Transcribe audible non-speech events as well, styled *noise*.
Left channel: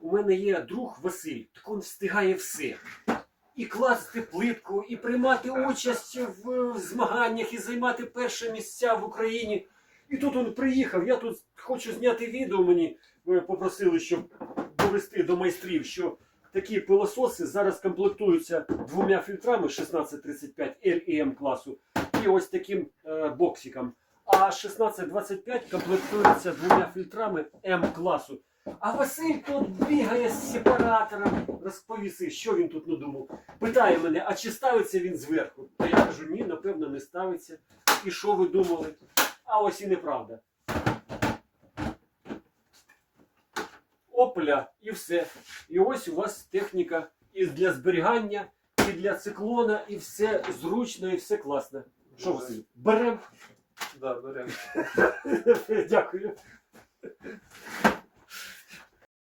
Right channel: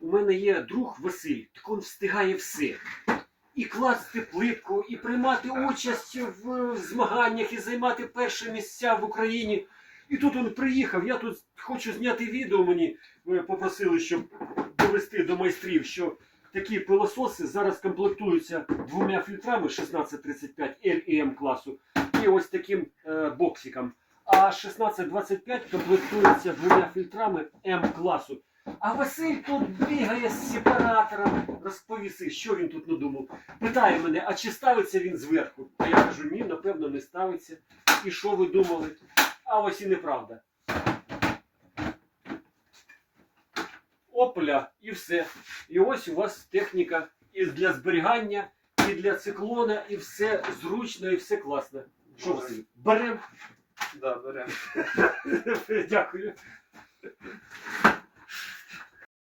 у мене є друг Василь, так він встигає все. І класти плитку, і приймати участь в е, змаганнях, і займати перші місця в Україні. І тут він приїхав. Я тут хочу зняти відео. Мені е, попросили, щоб довести до майстрів, що такі пилососи зараз комплектуються двома фільтрами 1635 L і M класу і ось таким е, боксиком. А 1625 комплектується двома фільтрами М класу. А Василь тут бігає з сепаратором, розповіси, що він тут надумав. Питає мене, а чи ставиться він зверху? А я кажу, ні, напевно, не ставиться. І що ви думали? А ось і неправда. Опля і все. І ось у вас техніка і для зберігання, і для циклона, і все зручно, і все класно. Що Василь? Берем. Да, беремо. *laughs* Дякую.